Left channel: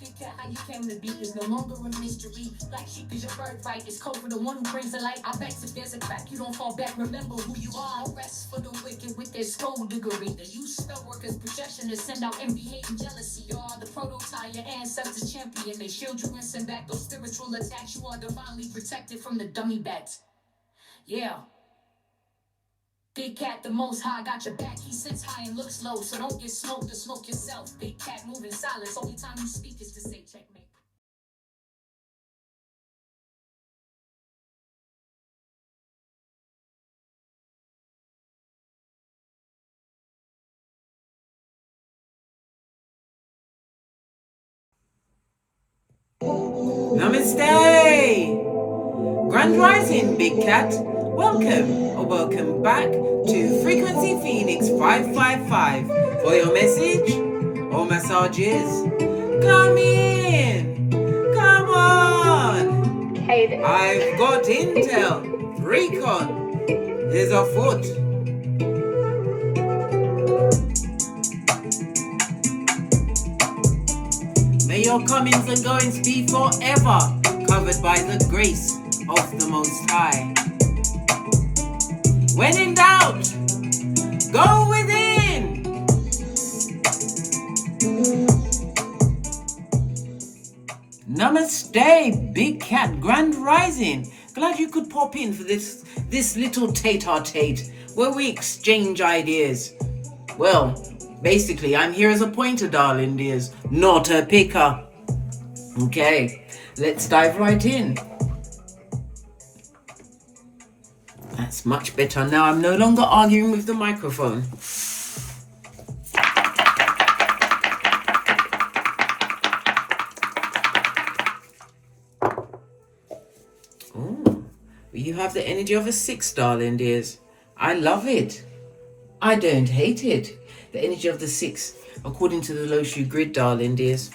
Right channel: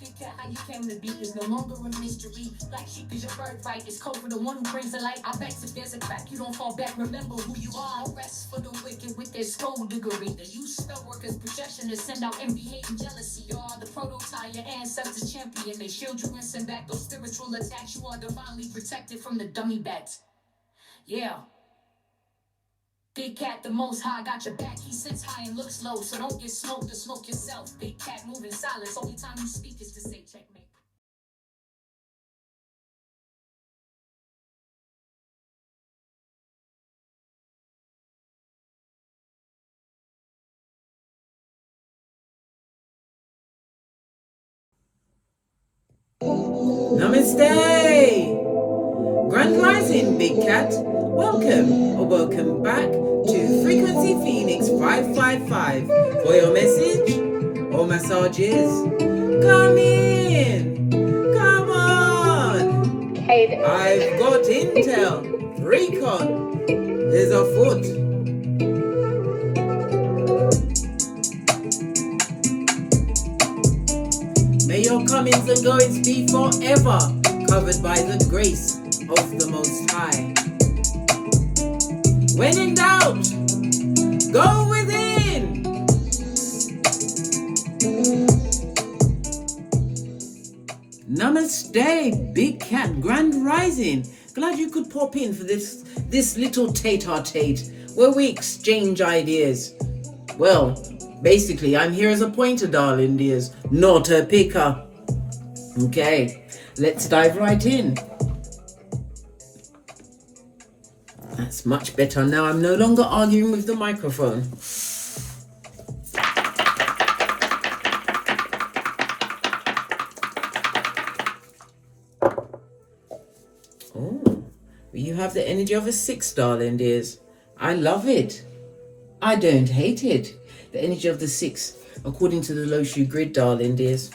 How you came to be is no longer a mystery. Black sheep is your birthright. It's code for the one who brings the light. I bet if there's a crack, you don't fall back. Remember who you are. No rest for the wicked with their skullduggery. The use spell workers' projection to send out envy, hate, and jealousy. You are the prototype, your ancestors champion. They shield you and send back those spiritual attacks. You are divinely protected from the dummy bats. Yeah. Big cat, the most high, got your back. He sits high and looks low, so don't get smoked or smoke yourself. Big cat moving silence. Only time you speak is to say checkmate. Namaste! Grand Rising, Big Cat. Welcome or welcome back to Frequency Phoenix 555 for your message or massages. Come in! Come on! Hey there. I've got intel. Recon is afoot. May your comings and goings be forever covered by the grace of the Most High. When in doubt, go within. Namaste, Big Cat, Grand Rising. Glad you could pop in for this little tete-a-tete where we exchange ideas. Well, basically, I'm here as a pointer, darling dears, not a picker. Okay, let's dive right in. That's much better. Now I'm no longer arguing with the microphone. Oh, you have the energy of a 6, darling dears. I love it. I don't hate it. The energy of the 6, according to the Loshu grid, darling dears.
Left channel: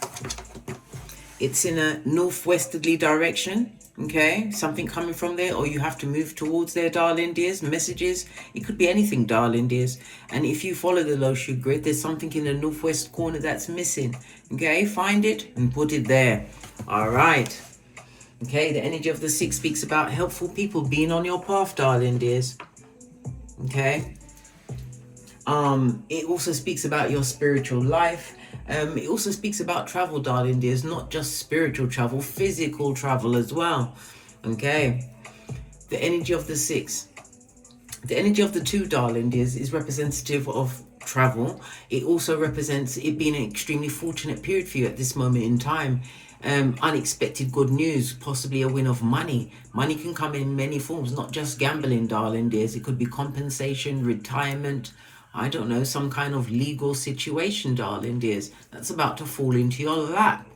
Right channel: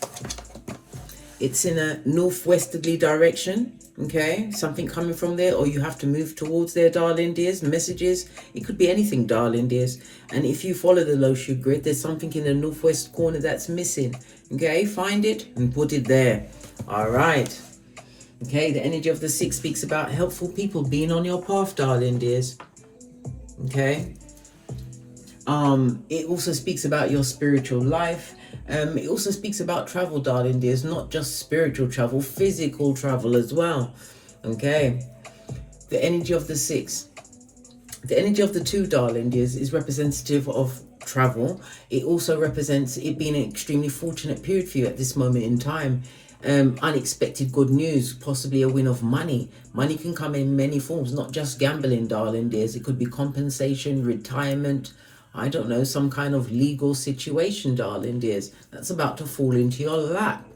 It's in a northwesterly direction, okay? Something coming from there, or you have to move towards there, darling dears. Messages, it could be anything, darling dears. And if you follow the Loshu grid, there's something in the northwest corner that's missing, okay? Find it and put it there. All right. Okay, the energy of the 6 speaks about helpful people being on your path, darling dears. Okay. It also speaks about your spiritual life. It also speaks about travel, darling dears, not just spiritual travel, physical travel as well. Okay. The energy of the 6. The energy of the 2, darling dears, is representative of travel. It also represents it being an extremely fortunate period for you at this moment in time. Unexpected good news, possibly a win of money. Money can come in many forms, not just gambling, darling dears. It could be compensation, retirement, I don't know, some kind of legal situation, darling dears, that's about to fall into your lap.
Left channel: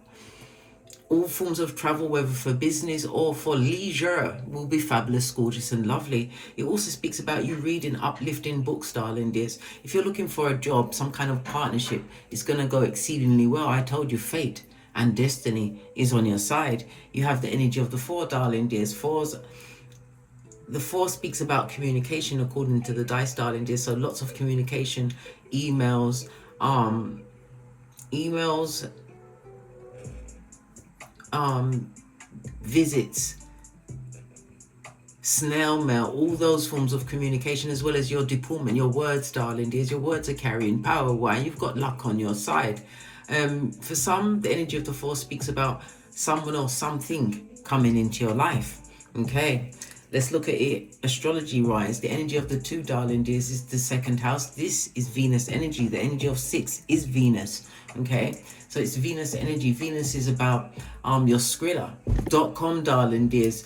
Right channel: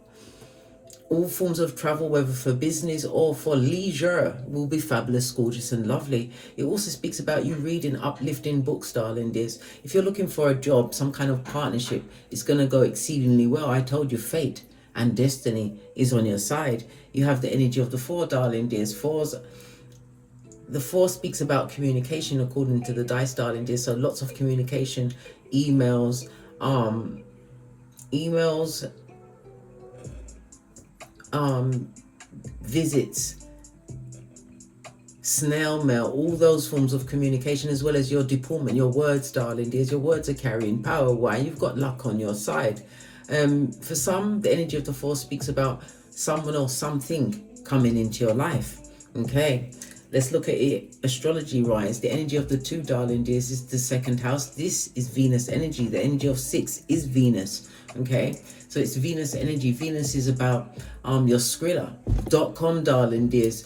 All forms of travel, whether for business or for leisure, will be fabulous, gorgeous and lovely. It also speaks about you reading uplifting books, darling dears. If you're looking for a job, some kind of partnership, it's going to go exceedingly well. I told you, fate and destiny is on your side. You have the energy of the 4, darling dears. The 4 speaks about communication, according to the dice, darling dear. So lots of communication, emails, visits, snail mail, all those forms of communication, as well as your deportment, your words, darling dears. Your words are carrying power. Why? You've got luck on your side. For some, the energy of the 4 speaks about someone or something coming into your life. Okay. Let's look at it astrology wise. The energy of the 2, darling dears, is the 2nd house. This is Venus energy. The energy of 6 is Venus. Okay, so it's Venus energy. Venus is about your Skrilla.com, darling dears.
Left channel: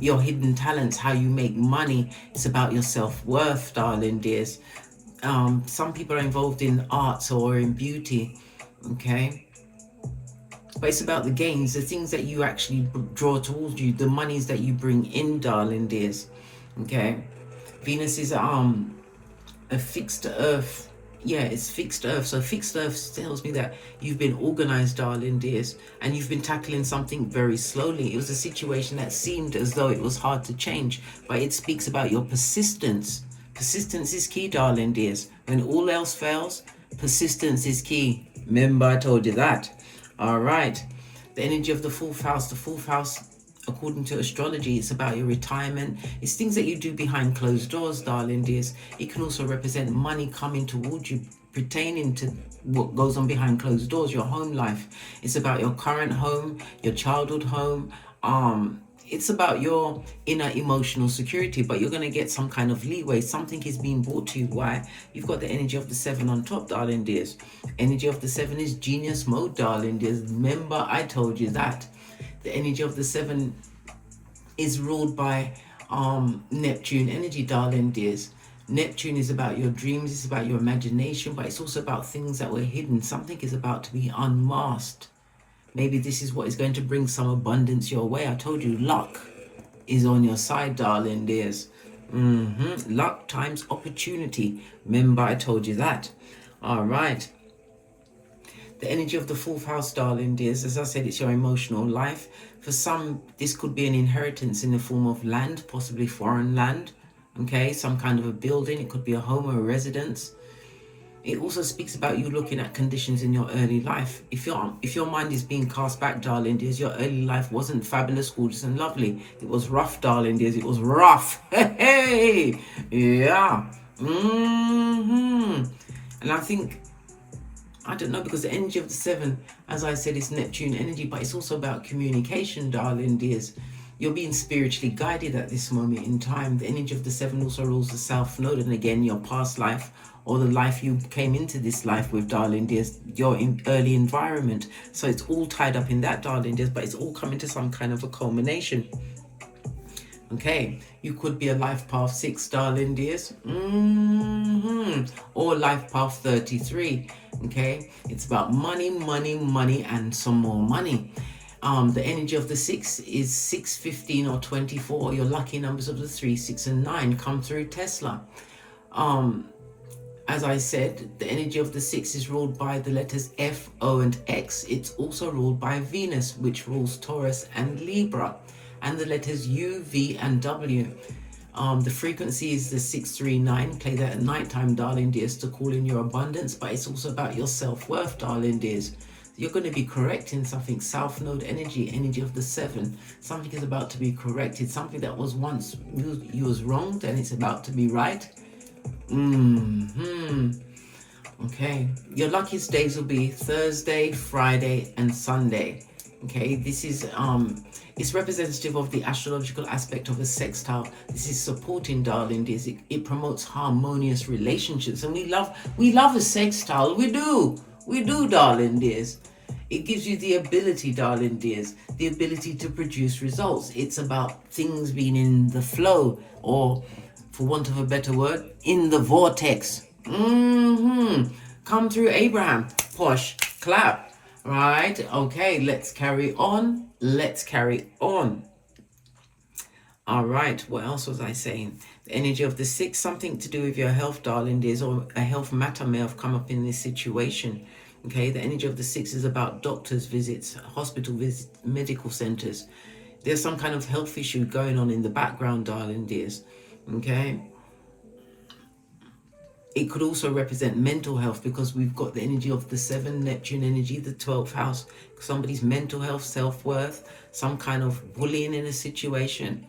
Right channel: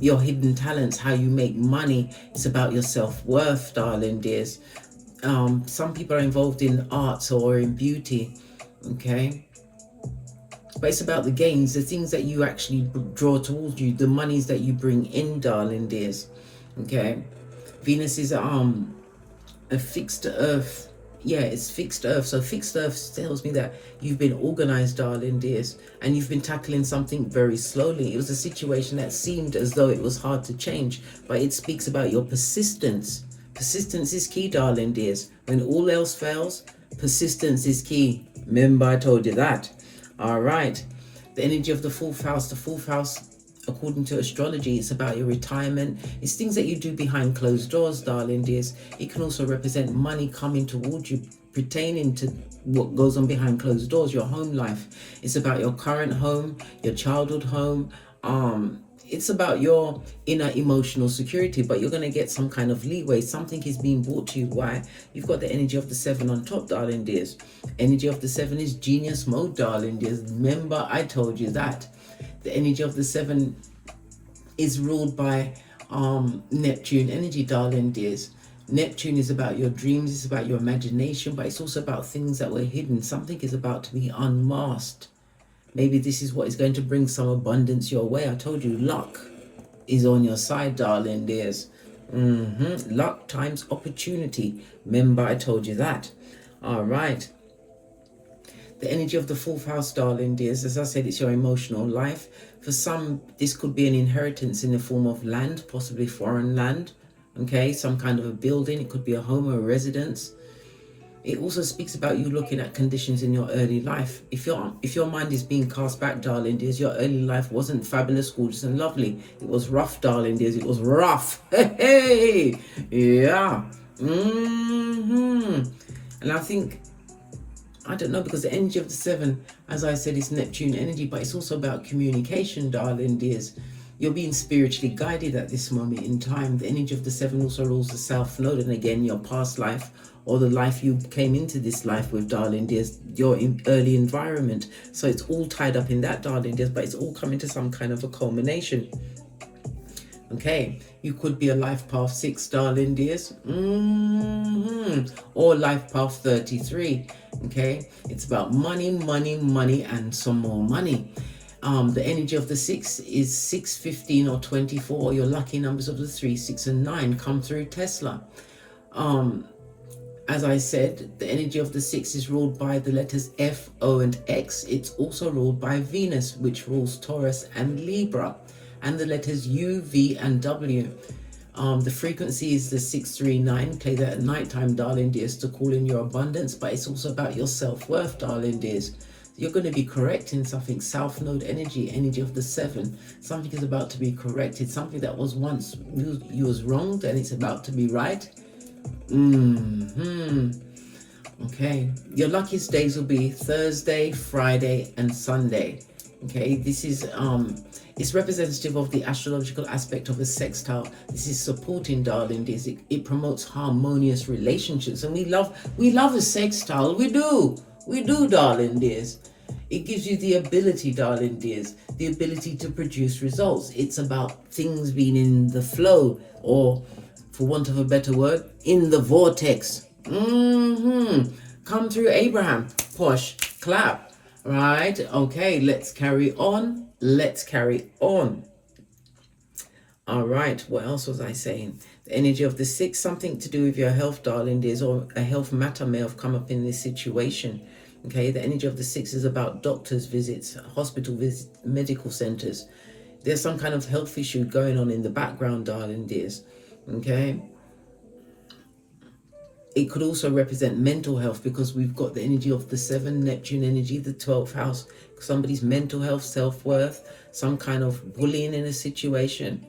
Your hidden talents, how you make money. It's about your self-worth, darling dears. Some people are involved in arts or in beauty. Okay. But it's about the gains, the things that you actually draw towards you, the monies that you bring in, darling dears. Okay. Venus is a fixed earth. Yeah, it's fixed earth. So fixed earth tells me that you've been organized, darling dears, and you've been tackling something very slowly. It was a situation that seemed as though it was hard to change, but it speaks about your persistence. Persistence is key, darling dears. When all else fails, persistence is key. Remember, I told you that. All right. The energy of the fourth house. The fourth house, according to astrology, it's about your retirement. It's things that you do behind closed doors, darling dears. It can also represent money coming towards you, pertaining to what goes on behind closed doors, your home life. It's about your current home, your childhood home. It's about your inner emotional security, but you're going to get some kind of leeway. Something is being brought to you. Why? You've got the energy of the 7 on top, darling dears. Energy of the 7 is genius mode, darling dears. Remember, I told you that. The energy of the 7 is ruled by Neptune energy, darling dears. Neptune is about your dreams, it's about your imagination, but it's also about things that were hidden. Something is about to be unmasked. Maybe this is what is going to bring some abundance your way. I told you, luck is on your side, darling dears. Luck times opportunity. Remember, I told you that. All right. The energy of the fourth house, darling dears, as I said, it's your emotional life. For some, this could be an inheritance in the form of land, possibly foreign land. Okay, some kind of a building. It could be a home or a residence. It also speaks about you looking at conditions in your early life. If your mind is being cast back, darling dears, your early life wasn't fabulous, gorgeous, and lovely. It was rough, darling dears. It was rough. Hey, yeah. And I think, I don't know, because the energy of the 7, as I said, is Neptune energy, but it's also about communication, darling dears. You're being spiritually guided at this moment in time. The energy of the 7 also rules the South Node, and again, your past life, or the life you came into this life with, darling dears, your early environment. So it's all tied up in that, darling dears, but it's all coming to some kind of a culmination. Okay, you could be a life path 6, darling dears, or life path 33. Okay, it's about money, money, money, and some more money. The energy of the 6 is 6, 15, or 24. Your lucky numbers of the 3, 6, and 9 come through Tesla. As I said, the energy of the 6 is ruled by the letters F, O, and X. It's also ruled by Venus, which rules Taurus and Libra, and the letters U, V, and W. The frequency is the 639. Play that at nighttime, darling dears, to call in your abundance, but it's also about your self-worth, darling dears. You're going to be correcting something. South Node energy, energy of the 7. Something is about to be corrected. Something that was once you was wronged, and it's about to be right. Okay, your luckiest days will be Thursday, Friday, and Sunday. Okay, this is it's representative of the astrological aspect of a sextile. This is supporting, darling dears. It promotes harmonious relationships, and we love a sextile. We do, darling dears. It gives you the ability, darling dears, the ability to produce results. It's about things being in the flow, or, for want of a better word, in the vortex. Come through, Abraham. Push, clap. Right, okay, let's carry on. All right, what else was I saying? The energy of the 6, something to do with your health, darling dears, or a health matter may have come up in this situation. Okay, the energy of the 6 is about doctor's visits, hospital visits, medical centers. There's some kind of health issue going on in the background, darling dears. Okay, it could also represent mental health, because we've got the energy of the 7, Neptune energy, the 12th house, somebody's mental health, self-worth, some kind of bullying in a situation.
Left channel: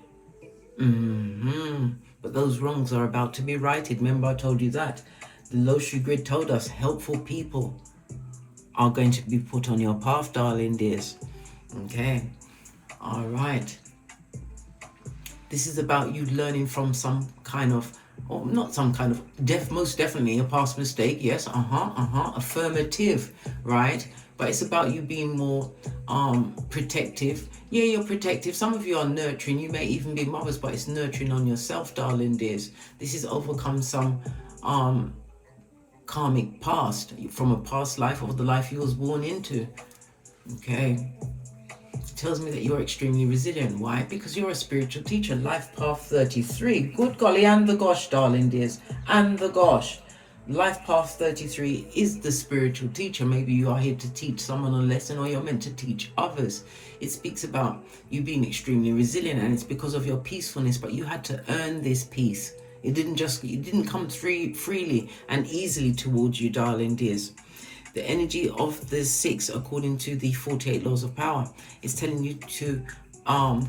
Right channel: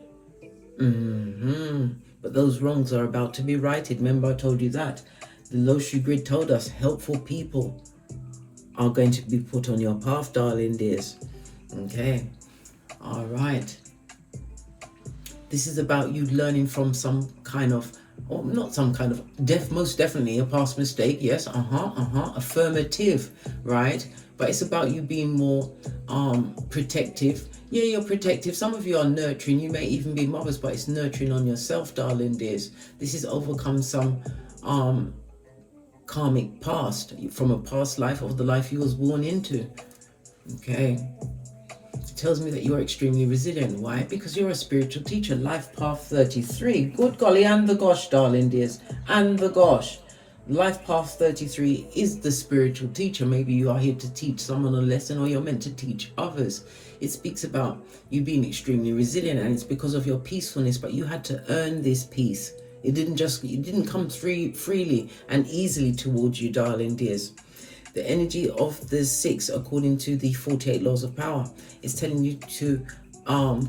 But those wrongs are about to be righted. Remember, I told you that. The Loshu grid told us helpful people are going to be put on your path, darling dears. Okay, all right. This is about you learning from some kind of, or not some kind of, most definitely a past mistake. Yes, affirmative, right? But it's about you being more protective. Yeah, you're protective. Some of you are nurturing. You may even be mothers, but it's nurturing on yourself, darling dears. This is overcome some karmic past, from a past life, or the life you was born into. Okay, it tells me that you're extremely resilient. Why? Because you're a spiritual teacher. Life path 33. Good golly, and the gosh, darling dears, and the gosh. Life path 33 is the spiritual teacher. Maybe you are here to teach someone a lesson, or you're meant to teach others. It speaks about you being extremely resilient, and it's because of your peacefulness, but you had to earn this peace. It didn't come freely and easily towards you, darling dears. The energy of the 6, according to the 48 laws of power, is telling you to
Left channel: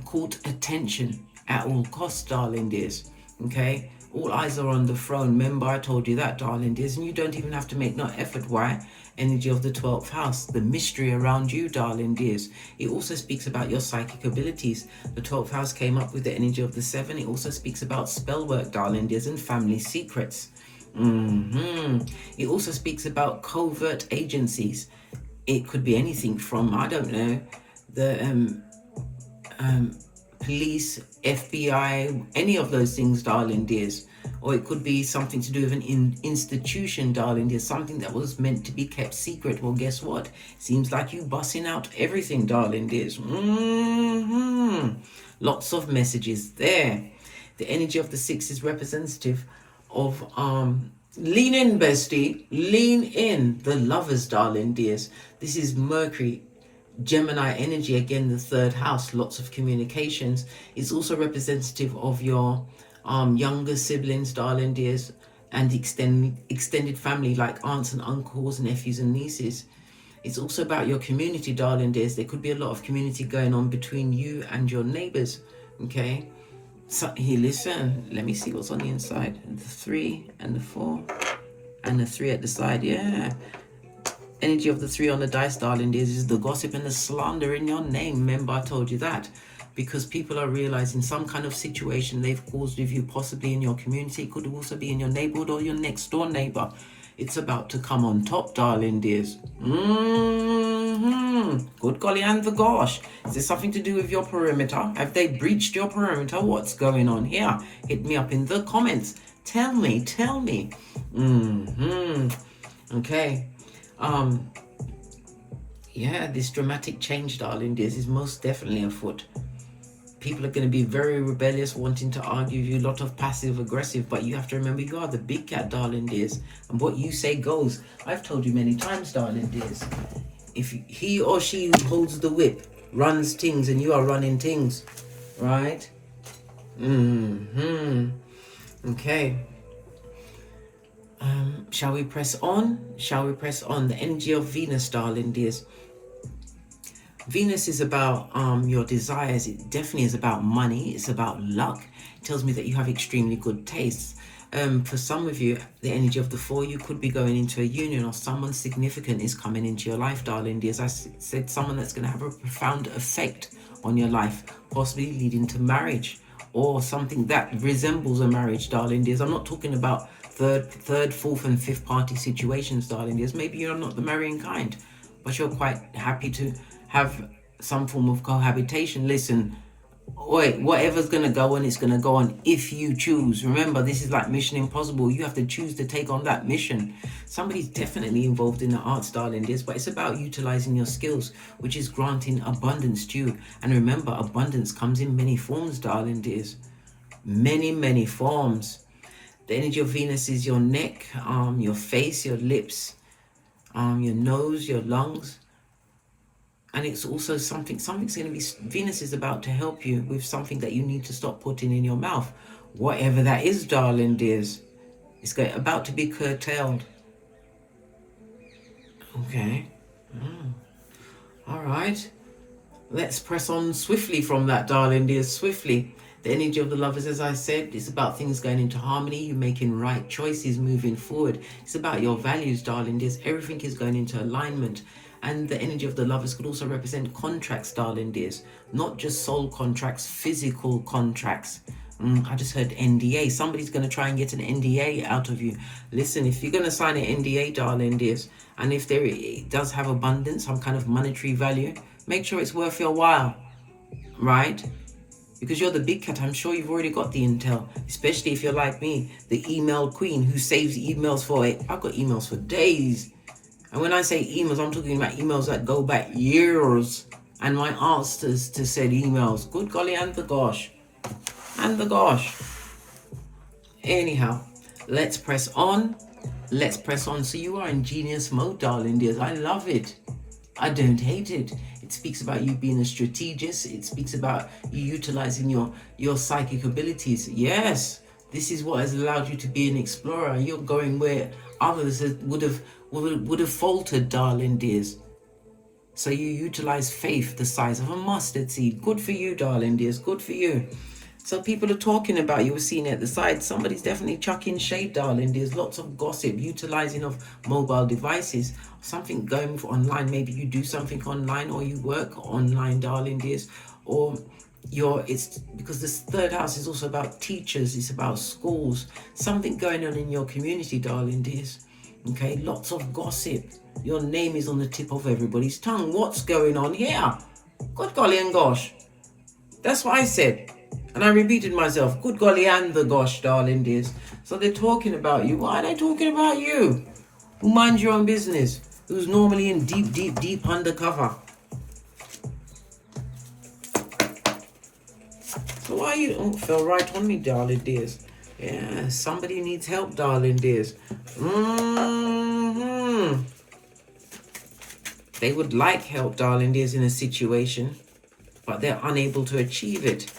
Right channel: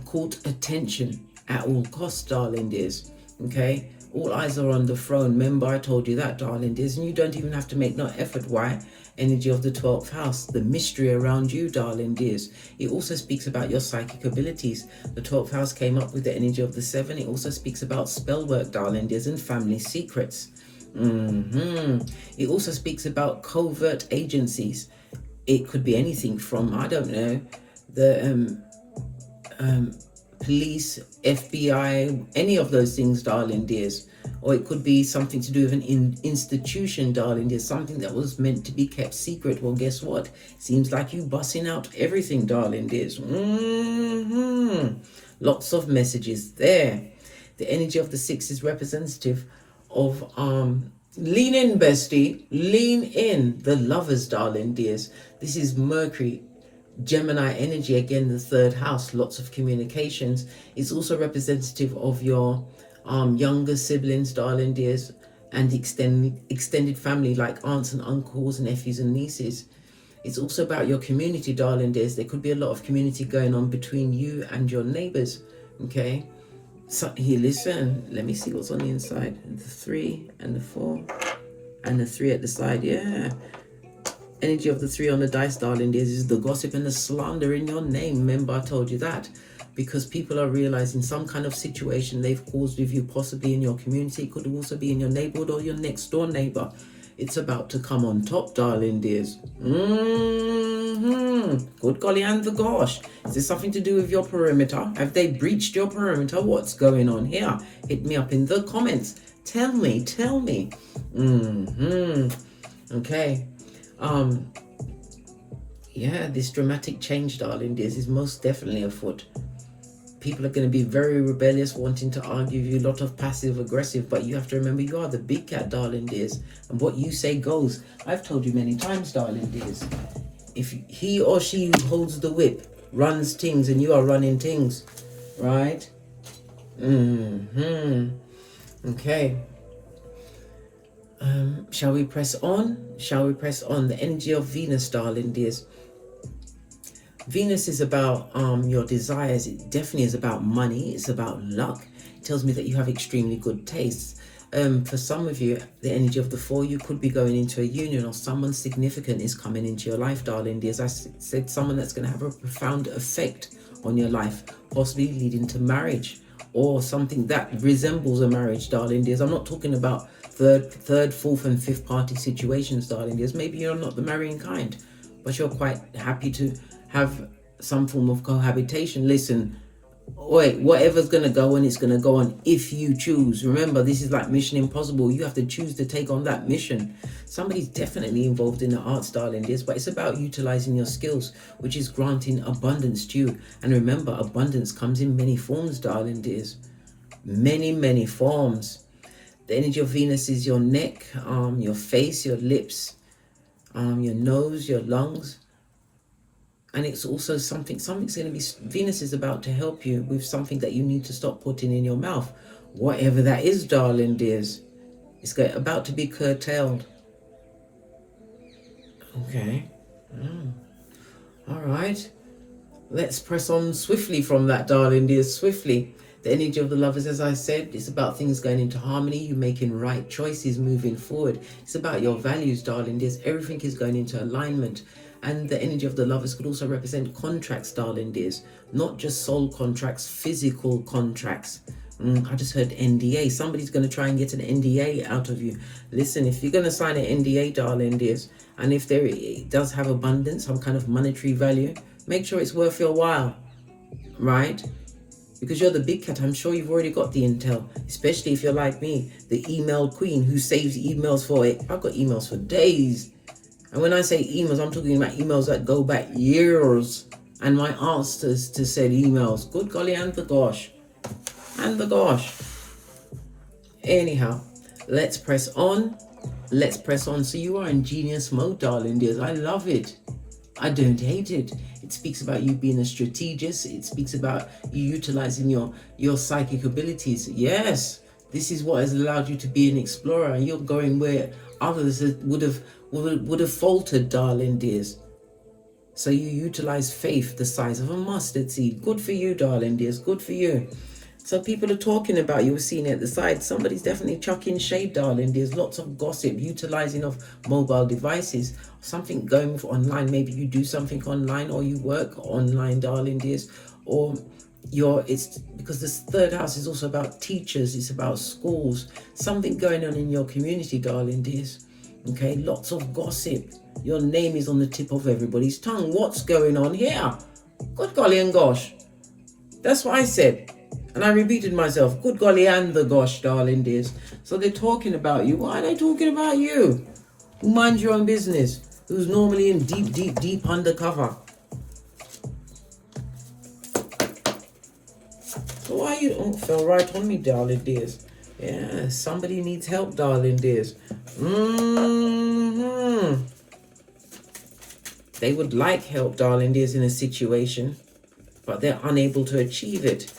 court attention at all costs, darling dears. Okay, all eyes are on the throne. Remember, I told you that, darling dears, and you don't even have to make no effort. Why? Energy of the 12th house, the mystery around you, darling dears. It also speaks about your psychic abilities. The 12th house came up with the energy of the 7. It also speaks about spell work, darling dears, and family secrets. It also speaks about covert agencies. It could be anything from, I don't know, the police, FBI, any of those things, darling dears. Or it could be something to do with an institution, darling dears, something that was meant to be kept secret. Well, guess what? Seems like you busting out everything, darling dears. Lots of messages there. The energy of the 6 is representative of lean in, bestie, lean in. The Lovers, darling dears. This is Mercury, Gemini energy, again the 3rd house, lots of communications. It's also representative of your younger siblings, darling dears, and extended family like aunts and uncles and nephews and nieces. It's also about your community, darling dears. There could be a lot of community going on between you and your neighbors. Okay, so here, listen, let me see what's on the inside. The 3 and the 4 and the 3 at the side. Yeah, energy of the 3 on the dice, darling dears, is the gossip and the slander in your name. Remember, I told you that. Because people are realizing some kind of situation they've caused with you, possibly in your community. It could also be in your neighborhood or your next door neighbor. It's about to come on top, darling dears. Good golly and the gosh. Is this something to do with your perimeter? Have they breached your perimeter? What's going on here? Hit me up in the comments. Tell me. Okay. Yeah, this dramatic change, darling dears, is most definitely afoot. People are going to be very rebellious, wanting to argue with you, a lot of passive aggressive, but you have to remember you are the big cat, darling dears, and what you say goes. I've told you many times, darling dears, if he or she who holds the whip runs things and you are running things, right? Okay. Shall we press on? The energy of Venus, darling dears. Venus is about your desires. It definitely is about money. It's about luck. It tells me that you have extremely good tastes. For some of you, the energy of the 4, you could be going into a union, or someone significant is coming into your life, darling dears. I said someone that's going to have a profound effect on your life, possibly leading to marriage, or something that resembles a marriage, darling dears. I'm not talking about third, fourth, and fifth party situations, darling dears. Maybe you're not the marrying kind, but you're quite happy to have some form of cohabitation. Listen, whatever's going to go on, it's going to go on if you choose. Remember, this is like Mission Impossible. You have to choose to take on that mission. Somebody's definitely involved in the arts, darling dears, but it's about utilizing your skills, which is granting abundance to you. And remember, abundance comes in many forms, darling dears. Many forms. The energy of Venus is your neck, your face, your lips, your nose, your lungs. And it's also something's going to be, Venus is about to help you with something that you need to stop putting in your mouth. Whatever that is, darling dears, it's about to be curtailed. Okay. All right. Let's press on swiftly from that, darling dears, swiftly. The energy of the Lovers, as I said, it's about things going into harmony, you making right choices, moving forward. It's about your values, darling dears. Everything is going into alignment. And the energy of the Lovers could also represent contracts, darling dears. Not just soul contracts, physical contracts. I just heard NDA. Somebody's going to try and get an NDA out of you. Listen, if you're going to sign an NDA, darling dears, and if it does have abundance, some kind of monetary value, make sure it's worth your while, right? Because you're the big cat, I'm sure you've already got the intel, especially if you're like me, the email queen who saves emails for it. I've got emails for days. And when I say emails, I'm talking about emails that go back years. And my answers to said emails. Good golly and the gosh. Anyhow, let's press on. So you are in genius mode, darling dears. I love it. I don't hate it. It speaks about you being a strategist. It speaks about you utilizing your psychic abilities. Yes, This is what has allowed you to be an explorer. You're going where others would have faltered, darling dears. So you utilize faith the size of a mustard seed. Good for you, darling dears. Good for you. So people are talking about you. We're seeing it at the side. Somebody's definitely chucking shade, darling. There's lots of gossip, utilizing of mobile devices, something going for online. Maybe you do something online or you work online, darling dears, or it's because this third house is also about teachers. It's about schools. Something going on in your community, darling dears. Okay, lots of gossip. Your name is on the tip of everybody's tongue. What's going on here? Good golly and gosh. That's what I said. And I repeated myself. Good golly and the gosh, darling dears. So they're talking about you. Why are they talking about you? Who minds your own business? Who's normally in deep undercover? So why are you... Oh, fell right on me, darling dears. Yeah, somebody needs help, darling dears. They would like help, darling dears, in a situation, but they're unable to achieve it.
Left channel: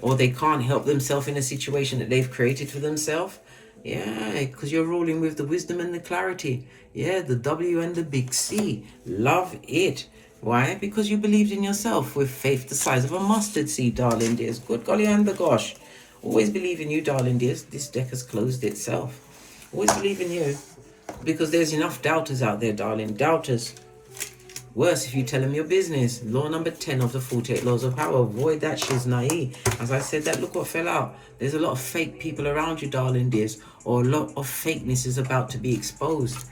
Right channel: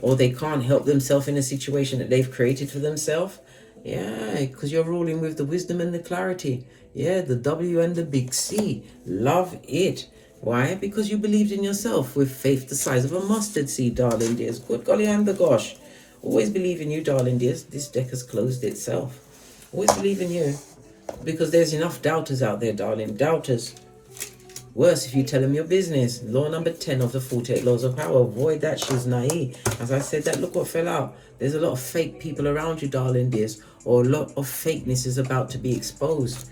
Or they can't help themselves in a situation that they've created for themselves. Yeah, because you're ruling with the wisdom and the clarity. Yeah, the W and the big C. Love it. Why? Because you believed in yourself with faith the size of a mustard seed, darling dears. Good golly and the gosh. Always believe in you, darling dears. This deck has closed itself. Always believe in you. Because there's enough doubters out there, darling. Doubters. Worse if you tell them your business. Law number 10 of the 48 laws of power. Avoid that shiznai. As I said that, look what fell out. There's a lot of fake people around you, darling dears. Or a lot of fakeness is about to be exposed.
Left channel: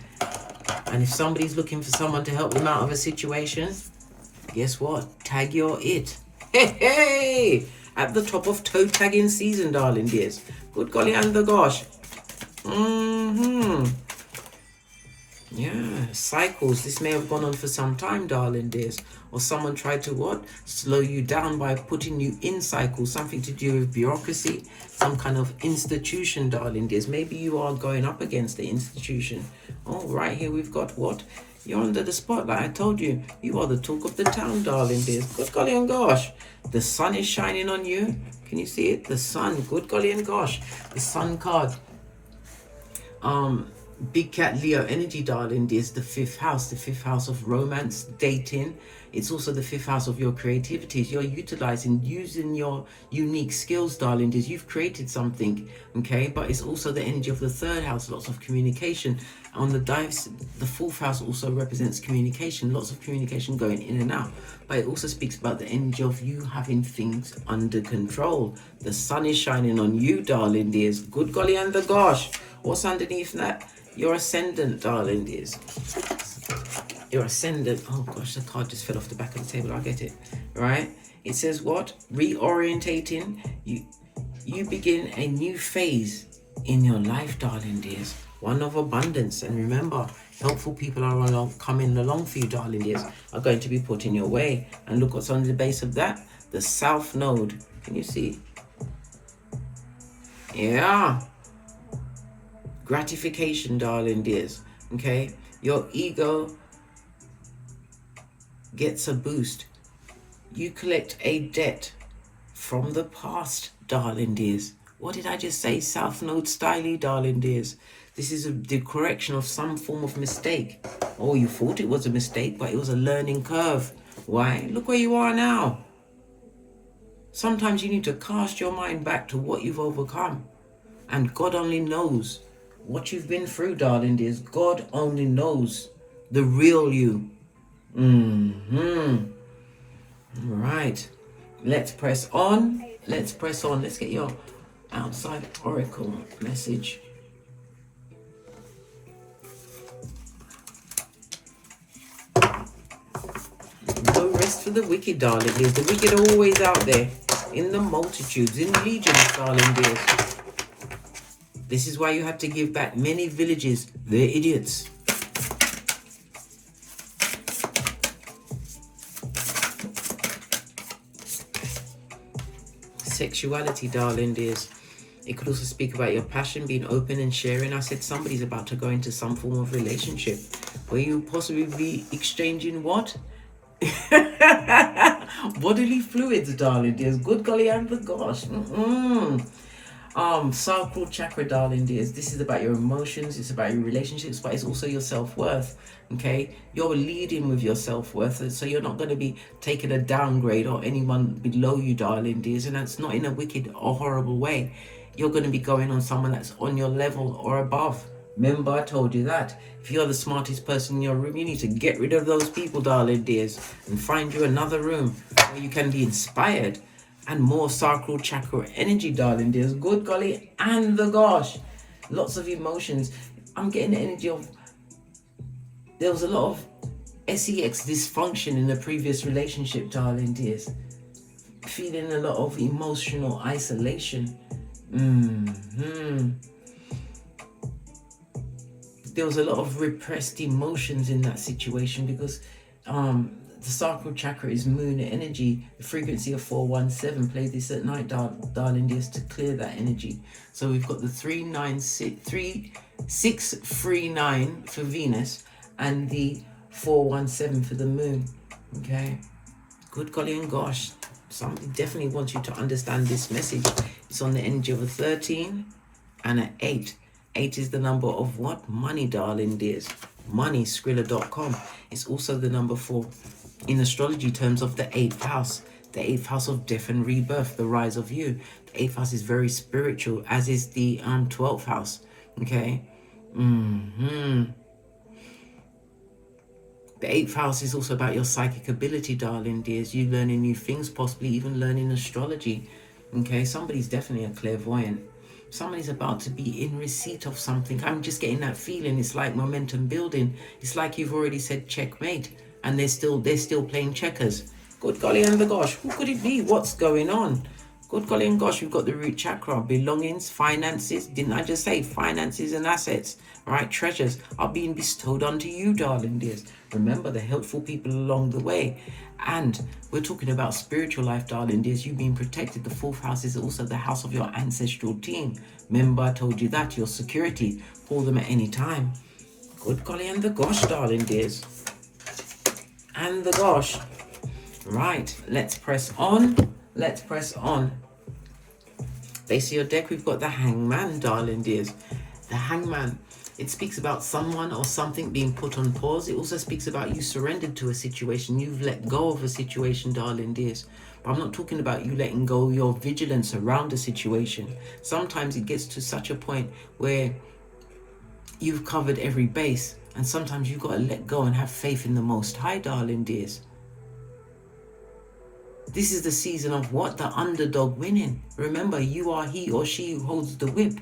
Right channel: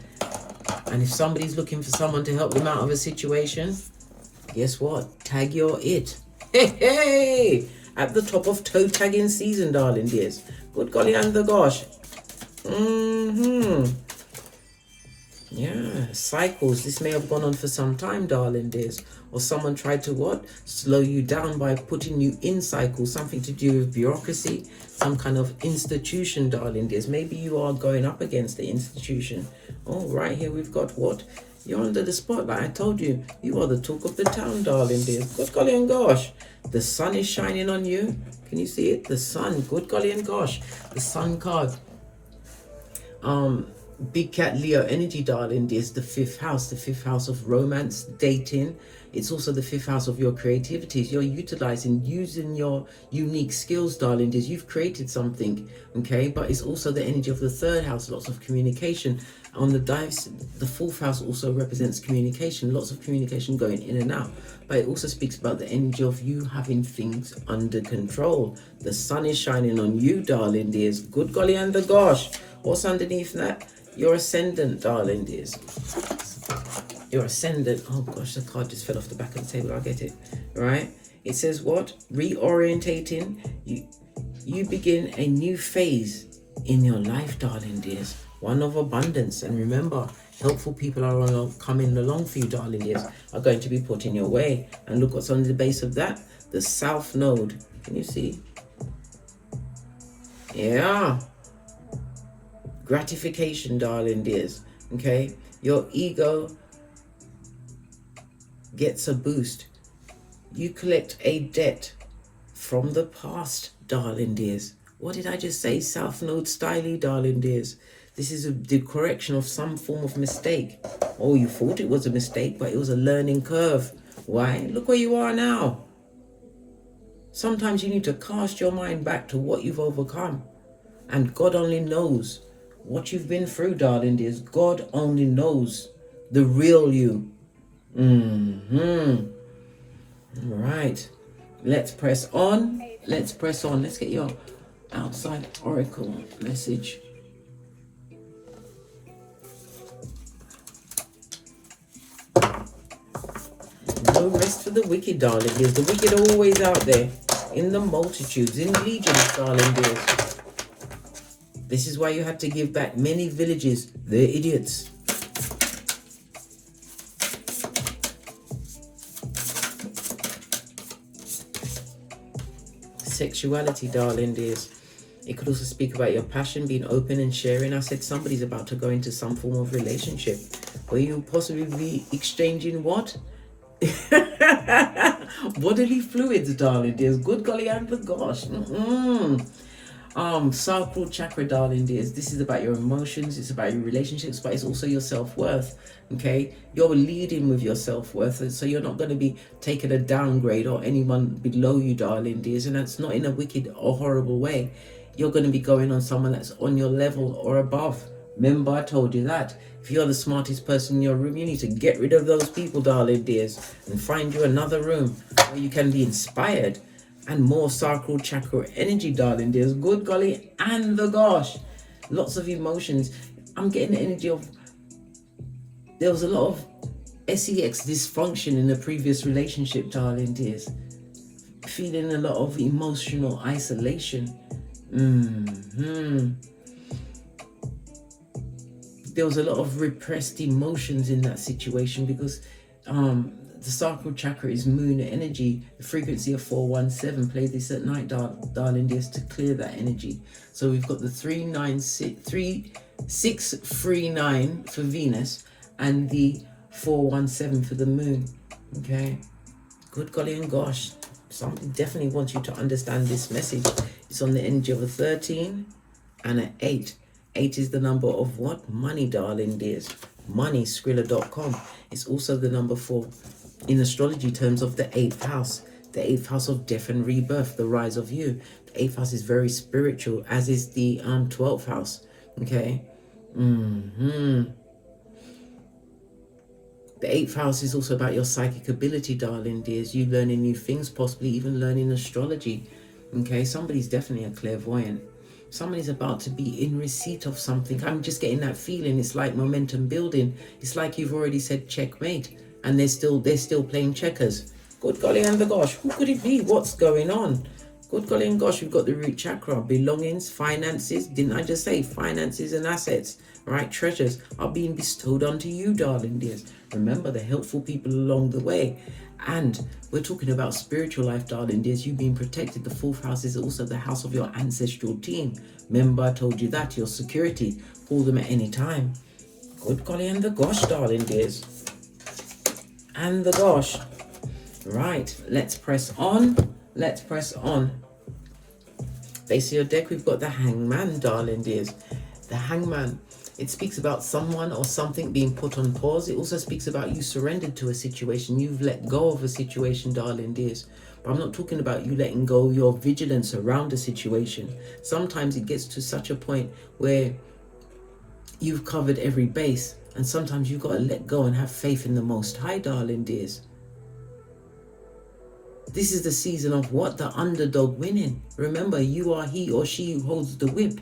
And if somebody's looking for someone to help them out of a situation, guess what? Tag your it. Hey, hey! At the top of toe tagging season, darling dears. Good golly and the gosh. Yeah, cycles. This may have gone on for some time, darling dears. Or someone tried to what? Slow you down by putting you in cycles. Something to do with bureaucracy. Some kind of institution, darling dears. Maybe you are going up against the institution. Oh, right here we've got what? You're under the spotlight. I told you. You are the talk of the town, darling dears. Good golly and gosh. The sun is shining on you. Can you see it? The sun. Good golly and gosh. The sun card. Big cat Leo energy, darling dears. The fifth house of romance, dating. It's also the fifth house of your creativities. You're using your unique skills, darling dears. You've created something, okay? But it's also the energy of the third house, lots of communication. On the dives, the fourth house also represents communication, lots of communication going in and out. But it also speaks about the energy of you having things under control. The sun is shining on you, darling dears. Good golly and the gosh. What's underneath that? Your ascendant, darling dears. Your ascendant. Oh gosh, the card just fell off the back of the table. I get it. Right? It says what? Reorientating. You begin a new phase in your life, darling dears. One of abundance. And remember, helpful people are coming along for you, darling dears. Are going to be put in your way. And look what's on the base of that. The South Node. Can you see? Yeah. Gratification, darling dears. Okay, your ego gets a boost. You collect a debt from the past, darling dears. What did I just say? South Node styly, darling dears. This is the correction of some form of mistake. Oh, you thought it was a mistake, but it was a learning curve. Why? Look where you are now. Sometimes you need to cast your mind back to what you've overcome. And God only knows what you've been through, darling dears. God only knows the real you. Right. Let's press on. Let's press on. Let's get your outside oracle message. No rest for the wicked, darling dears. The wicked are always out there. In the multitudes, in legions, darling dears. This is why you have to give back many villages. They're idiots. Sexuality, darling dears. It could also speak about your passion, being open and sharing. I said somebody's about to go into some form of relationship where you'll possibly be exchanging what? Bodily fluids, darling dears. Good golly and the gosh. Sacral chakra, darling dears. This is about your emotions, it's about your relationships, but it's also your self-worth. Okay, you're leading with your self-worth, so you're not going to be taking a downgrade or anyone below you, darling dears, and that's not in a wicked or horrible way. You're going to be going on someone that's on your level or above. Remember, I told you that. If you're the smartest person in your room, you need to get rid of those people, darling dears, and find you another room where you can be inspired. And more sacral chakra energy, darling dears. Good golly and the gosh. Lots of emotions. I'm getting the energy of, there was a lot of sex dysfunction in a previous relationship, darling dears. Feeling a lot of emotional isolation. There was a lot of repressed emotions in that situation because the sacral chakra is moon energy. The frequency of 417. Play this at night, darling dears, to clear that energy. So we've got the 639 for Venus and the 417 for the moon. Okay, good golly and gosh, somebody definitely wants you to understand this message. It's on the energy of a 13 and an 8. 8 is the number of what? Money, darling dears. Money, Skrilla.com. It's also the number 4 in astrology terms of the 8th house. The 8th house of death and rebirth, the rise of you. The 8th house is very spiritual, as is the 12th house. Okay. The 8th house is also about your psychic ability, darling dears. You learning new things, possibly even learning astrology. Okay, somebody's definitely a clairvoyant. Somebody's about to be in receipt of something. I'm just getting that feeling. It's like momentum building. It's like you've already said checkmate, and they're still playing checkers. Good golly and the gosh, who could it be? What's going on? Good golly and gosh, we've got the root chakra, belongings, finances. Didn't I just say finances and assets? Right, treasures are being bestowed onto you, darling dears. Remember the helpful people along the way. And we're talking about spiritual life, darling dears. You being protected. The 4th house is also the house of your ancestral team. Remember, I told you that, your security. Call them at any time. Good golly and the gosh, darling dears. And the gosh. Right, let's press on. Let's press on. Base of your deck, we've got the Hangman, darling dears. The Hangman. It speaks about someone or something being put on pause. It also speaks about you surrendered to a situation. You've let go of a situation, darling dears. But I'm not talking about you letting go of your vigilance around a situation. Sometimes it gets to such a point where you've covered every base. And sometimes you've got to let go and have faith in the Most High, darling dears. This is the season of what? The underdog winning. Remember, you are he or she who holds the whip.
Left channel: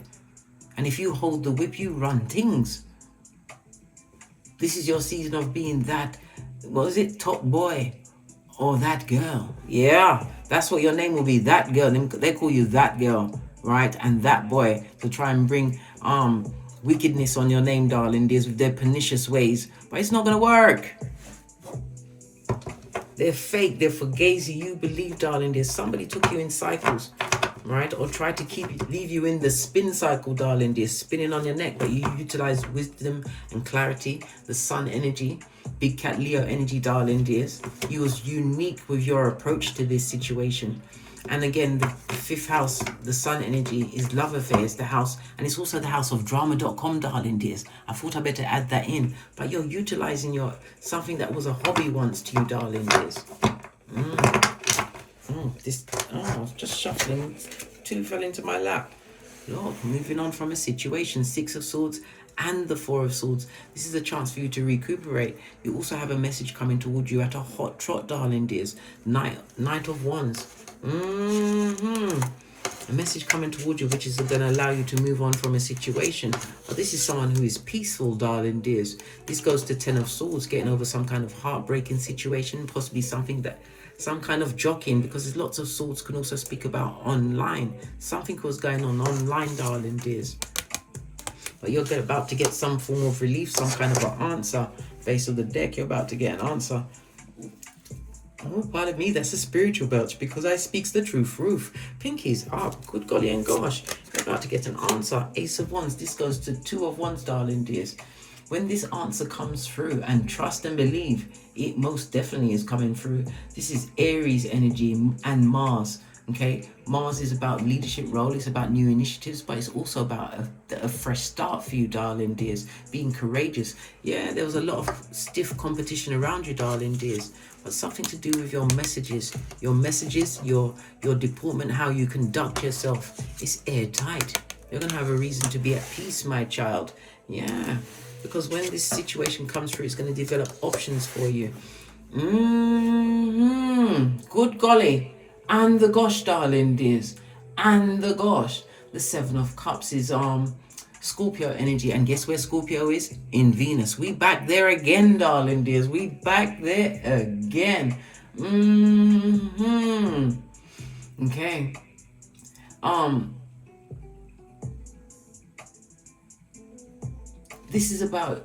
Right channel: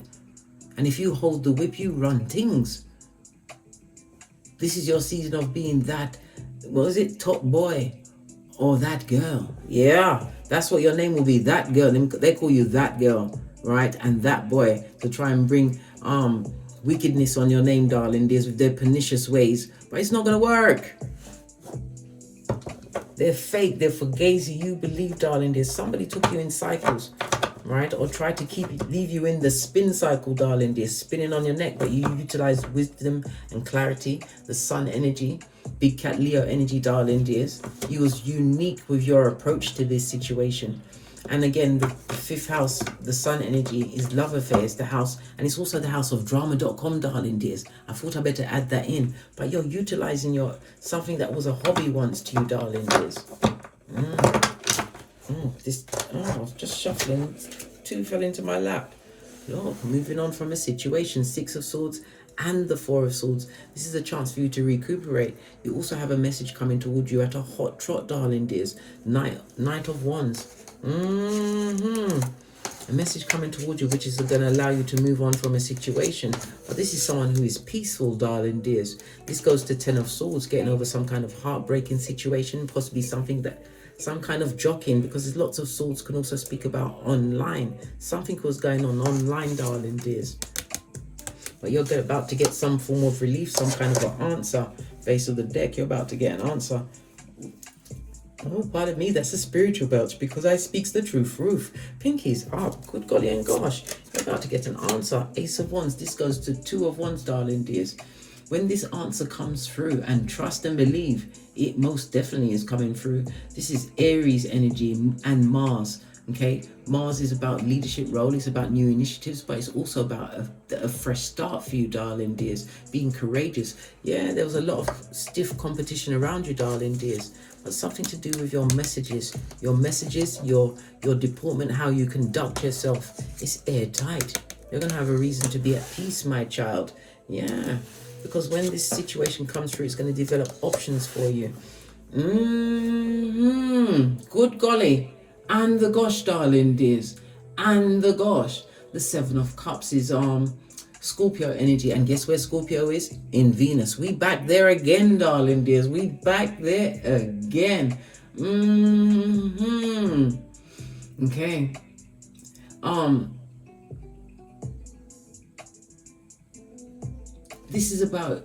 And if you hold the whip, you run things. This is your season of being that, what was it, top boy or that girl. Yeah, that's what your name will be, that girl. They call you that girl, right? And that boy, to try and bring wickedness on your name, darling dears, with their pernicious ways. But it's not going to work. They're fake, they're fugazi. You believe, darling dears, somebody took you in cycles. Right, or try to leave you in the spin cycle, darling dear, spinning on your neck, but you utilize wisdom and clarity, the sun energy, big cat Leo energy, darling dears. You was unique with your approach to this situation. And again, the 5th house, the sun energy, is love affairs, the house, and it's also the house of drama.com, darling dears. I thought I better add that in, but you're utilizing something that was a hobby once to you, darling dears. Just shuffling. 2 fell into my lap. Lord, moving on from a situation. 6 of Swords and the 4 of Swords. This is a chance for you to recuperate. You also have a message coming towards you at a hot trot, darling dears. Knight of Wands. A message coming towards you which is going to allow you to move on from a situation. But this is someone who is peaceful, darling dears. This goes to 10 of Swords, getting over some kind of heartbreaking situation, possibly some kind of jockeying, because lots of swords can also speak about online. Something was going on online, darling dears. But you're about to get some form of relief, some kind of an answer. Base of the deck, you're about to get an answer. Oh, pardon me, that's a spiritual belch, because I speaks the truth. Roof. Pinkies. Good golly and gosh. You're about to get an answer. Ace of Wands. This goes to 2 of Wands, darling dears. When this answer comes through, and trust and believe, it most definitely is coming through. This is Aries energy and Mars. Okay, Mars is about leadership role, it's about new initiatives, but it's also about a fresh start for you, darling dears. Being courageous. Yeah, there was a lot of stiff competition around you, darling dears, but something to do with your messages, your deportment, how you conduct yourself. It's airtight. You're gonna have a reason to be at peace, my child. Yeah, because when this situation comes through, it's going to develop options for you. Good golly. And the gosh, darling dears. And the gosh. The Seven of Cups is Scorpio energy. And guess where Scorpio is? In Venus. We back there again, darling dears. We back there again. Okay. This is about,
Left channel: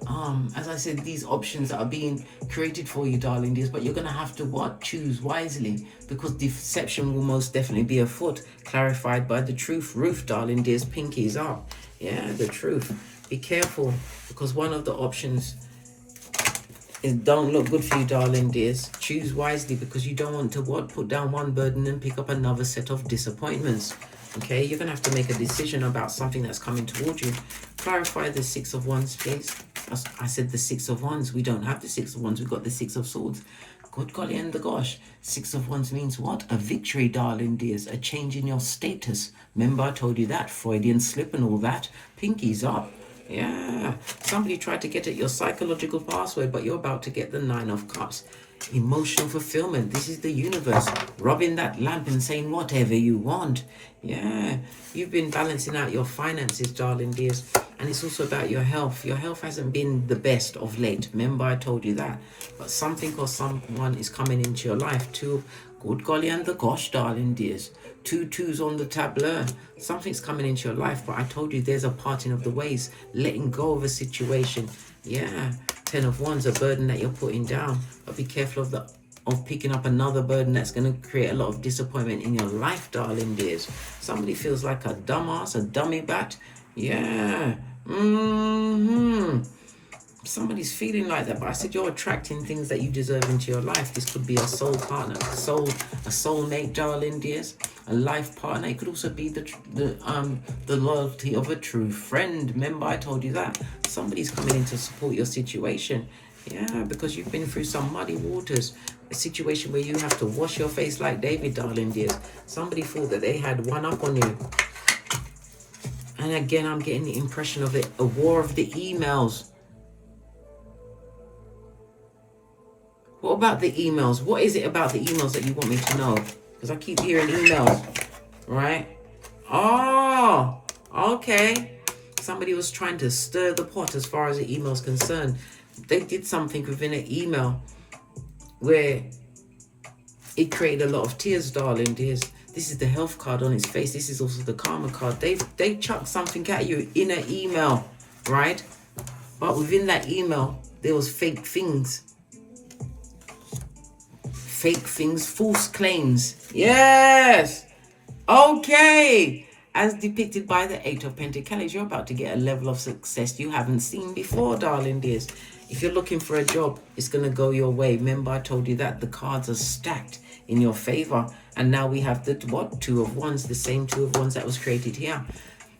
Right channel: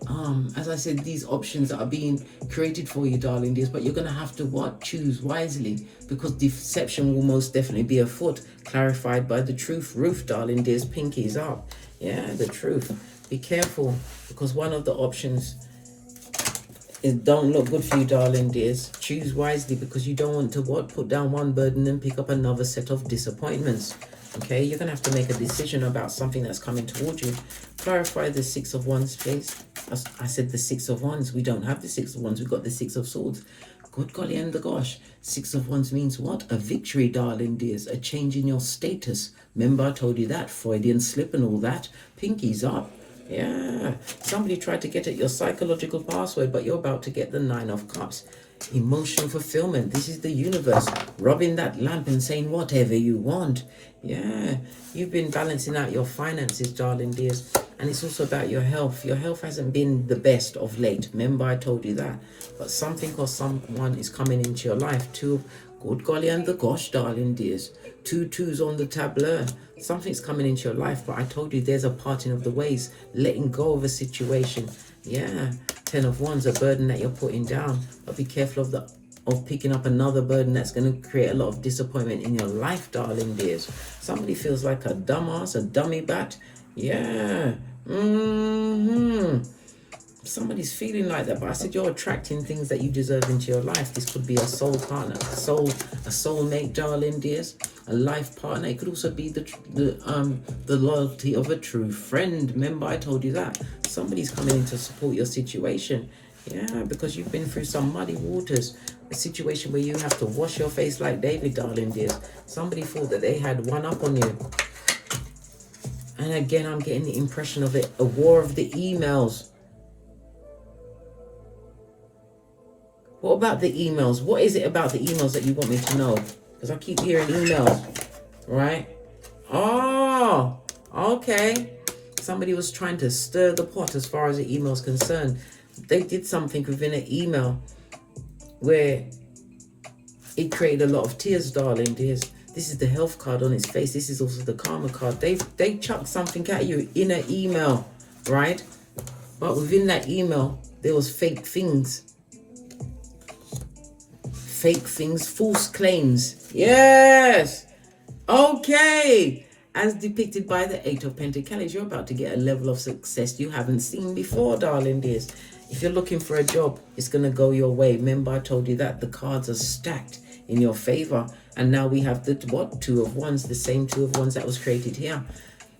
as I said, these options that are being created for you, darling dears, but you're going to have to what? Choose wisely, because deception will most definitely be afoot, clarified by the truth. Roof, darling dears, pinkies up. Yeah, the truth. Be careful, because one of the options is don't look good for you, darling dears. Choose wisely, because you don't want to what? Put down one burden and pick up another set of disappointments. Okay, you're going to have to make a decision about something that's coming towards you. Clarify the Six of Wands, please. I said the Six of Wands. We don't have the Six of Wands. We've got the Six of Swords. Good golly and the gosh. Six of Wands means what? A victory, darling dears. A change in your status. Remember I told you that. Freudian slip and all that. Pinkies up. Yeah. Somebody tried to get at your psychological password, but you're about to get the Nine of Cups. Emotional fulfillment. This is the universe rubbing that lamp and saying whatever you want. Yeah, you've been balancing out your finances, darling dears, and it's also about your health. Your health hasn't been the best of late. Remember I told you that. But something or someone is coming into your life. Good golly and the gosh, darling dears. 2 2s on the tableau. Something's coming into your life, but I told you there's a parting of the ways, letting go of a situation. Yeah, 10 of Wands, a burden that you're putting down, but be careful of picking up another burden that's going to create a lot of disappointment in your life, darling dears. Somebody feels like a dumbass, a dummy bat. Yeah. Somebody's feeling like that, but I said you're attracting things that you deserve into your life. This could be a soul partner, a soulmate, darling dears, a life partner. It could also be the loyalty of a true friend. Remember I told you that. Somebody's coming in to support your situation. Yeah, because you've been through some muddy waters, a situation where you have to wash your face like David, darling dears. Somebody thought that they had one up on you. And again, I'm getting the impression of it, a war of the emails. What about the emails? What is it about the emails that you want me to know? Because I keep hearing emails, right? Oh, okay. Somebody was trying to stir the pot as far as the email is concerned. They did something within an email where it created a lot of tears, darling dears. This is the health card on its face. This is also the karma card. They chucked something at you in an email, right? But within that email, there was fake things. Fake things, false claims. Yes. Okay. As depicted by the Eight of Pentacles, you're about to get a level of success you haven't seen before, darling dears. If you're looking for a job, it's going to go your way. Remember, I told you that the cards are stacked in your favor. And now we have the, what? 2 of Wands, the same 2 of Wands that was created here.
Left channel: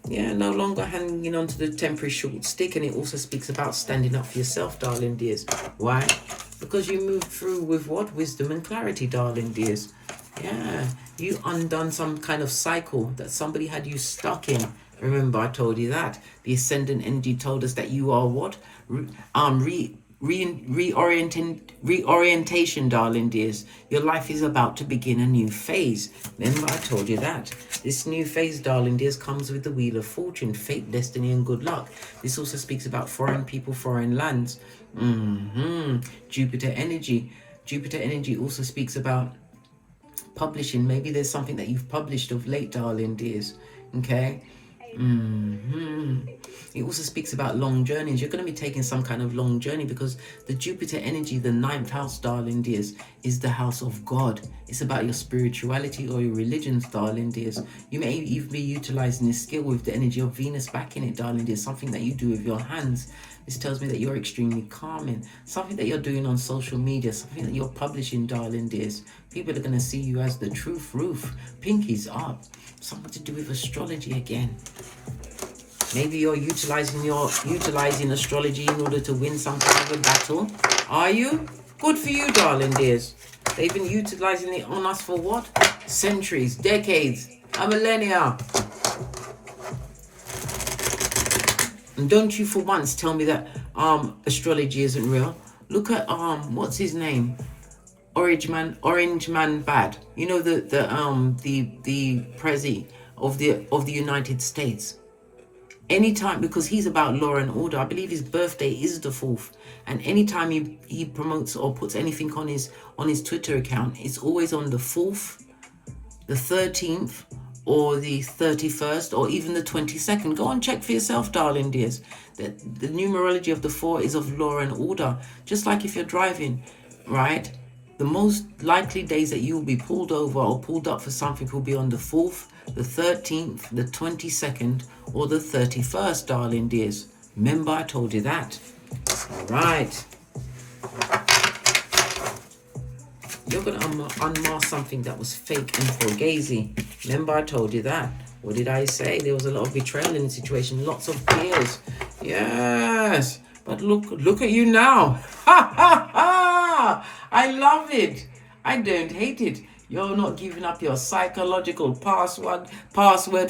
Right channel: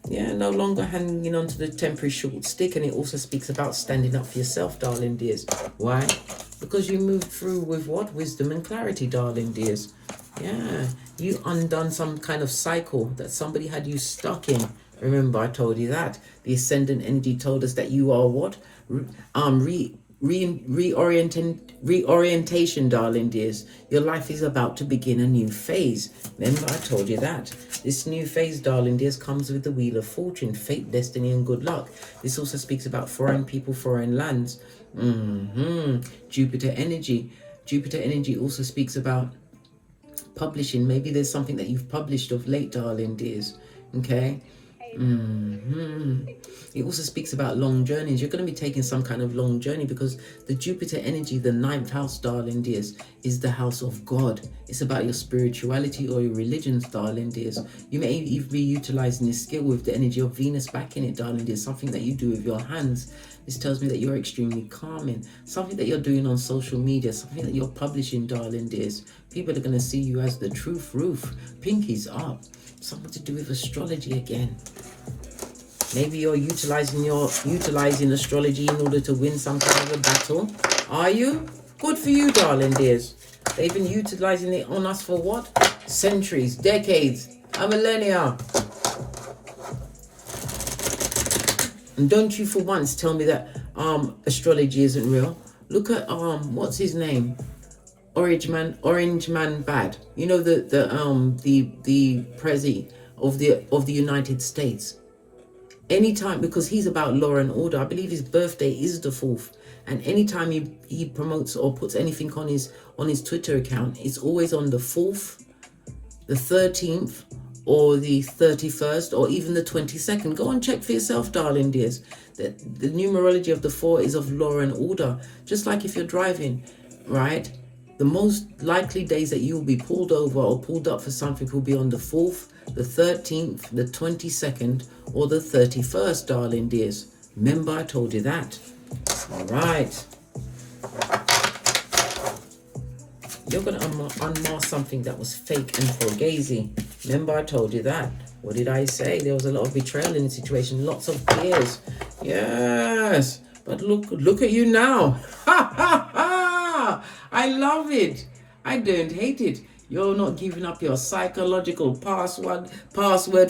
Yeah, no longer hanging on to the temporary short stick. And it also speaks about standing up for yourself, darling dears. Why? Because you moved through with what? Wisdom and clarity, darling dears. Yeah, you undone some kind of cycle that somebody had you stuck in. Remember, I told you that. The ascendant energy told us that you are what? Reorientation, darling dears. Your life is about to begin a new phase. Remember, I told you that. This new phase, darling dears, comes with the Wheel of Fortune, fate, destiny, and good luck. This also speaks about foreign people, foreign lands. Jupiter energy. Jupiter energy also speaks about publishing. Maybe there's something that you've published of late, darling dears. Okay. It also speaks about long journeys. You're going to be taking some kind of long journey because the Jupiter energy, the 9th house, darling dears, is the house of God. It's about your spirituality or your religions, darling dears. You may even be utilizing this skill with the energy of Venus back in it, darling dears, something that you do with your hands. This tells me that you're extremely calming. Something that you're doing on social media, something that you're publishing, darling dears. People are going to see you as the truth roof. Pinkies up. Something to do with astrology again. Maybe you're utilizing astrology in order to win some kind of a battle. Are you? Good for you, darling dears. They've been utilizing it on us for what? Centuries, decades, a millennia. And don't you for once tell me that astrology isn't real. Look at what's his name? Orange Man Bad. You know, the Prezi of the United States. Anytime, because he's about law and order, I believe his birthday is the 4th, and anytime he promotes or puts anything on his Twitter account, it's always on the 4th, the 13th, or the 31st, or even the 22nd. Go and check for yourself, darling dears. That the numerology of the 4 is of law and order. Just like if you're driving, right? The most likely days that you will be pulled over or pulled up for something will be on the 4th, the 13th, the 22nd, or the 31st, darling dears. Remember, I told you that. All right. You're going to unmask something that was fake and fugazi. Remember, I told you that. What did I say? There was a lot of betrayal in the situation. Lots of tears. Yes. But look at you now. Ha, ha, ha. I love it. I don't hate it. You're not giving up your psychological password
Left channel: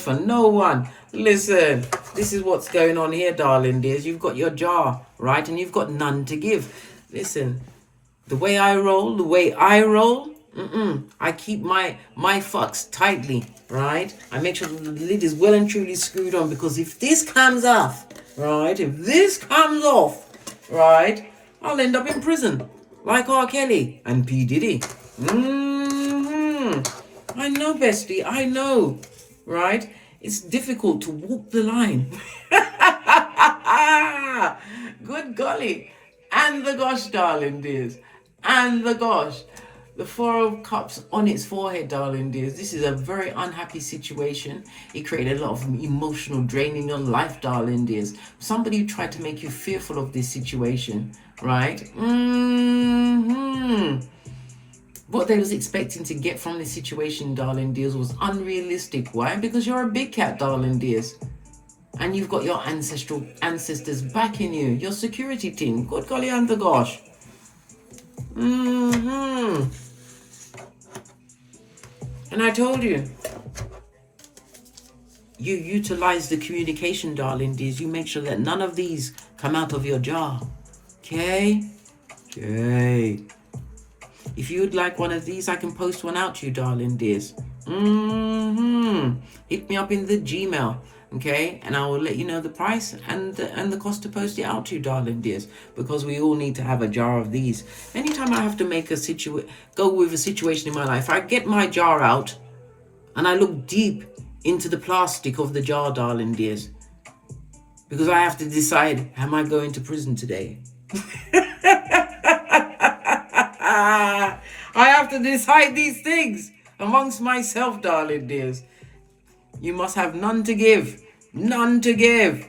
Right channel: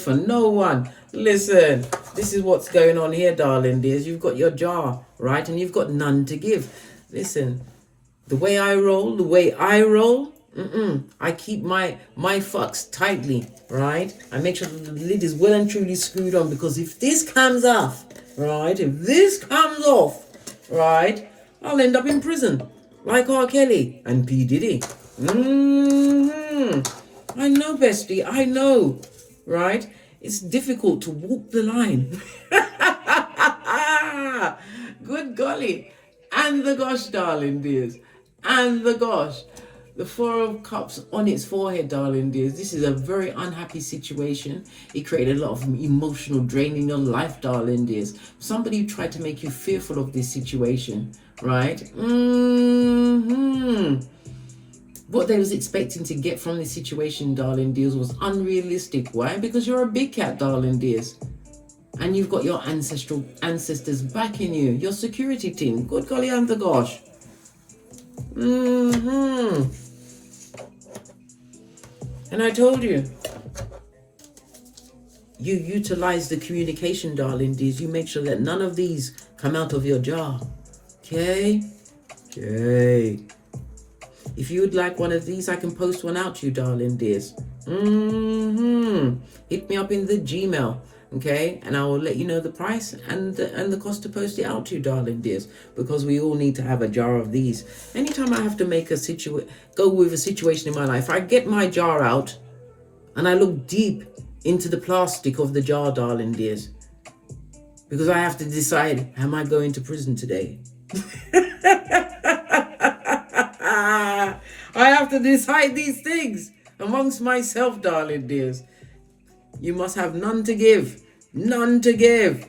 for no one. Listen, this is what's going on here, darling dears. You've got your jar, right? And you've got none to give. Listen, the way I roll, I keep my fucks tightly, right? I make sure the lid is well and truly screwed on, because if this comes off, right? If this comes off, right? I'll end up in prison, like R. Kelly and P. Diddy. I know, bestie, I know, right? It's difficult to walk the line. Good golly. And the gosh, darling dears. And the gosh. The 4 of Cups on its forehead, darling dears. This is a very unhappy situation. It created a lot of emotional drain in your life, darling dears. Somebody tried to make you fearful of this situation, right? What they was expecting to get from this situation, darling dears, was unrealistic. Why? Because you're a big cat, darling dears. And you've got your ancestors backing you. Your security team. Good golly and the gosh. And I told you. You utilize the communication, darling dears. You make sure that none of these come out of your jar. Okay? Okay. If you would like one of these, I can post one out to you, darling dears. Hit me up in the Gmail, okay? And I will let you know the price and the cost to post it out to you, darling dears, because we all need to have a jar of these. Anytime I have to make go with a situation in my life, I get my jar out and I look deep into the plastic of the jar, darling dears, because I have to decide, am I going to prison today? I have to decide these things amongst myself, darling dears. You must have none to give. None to give.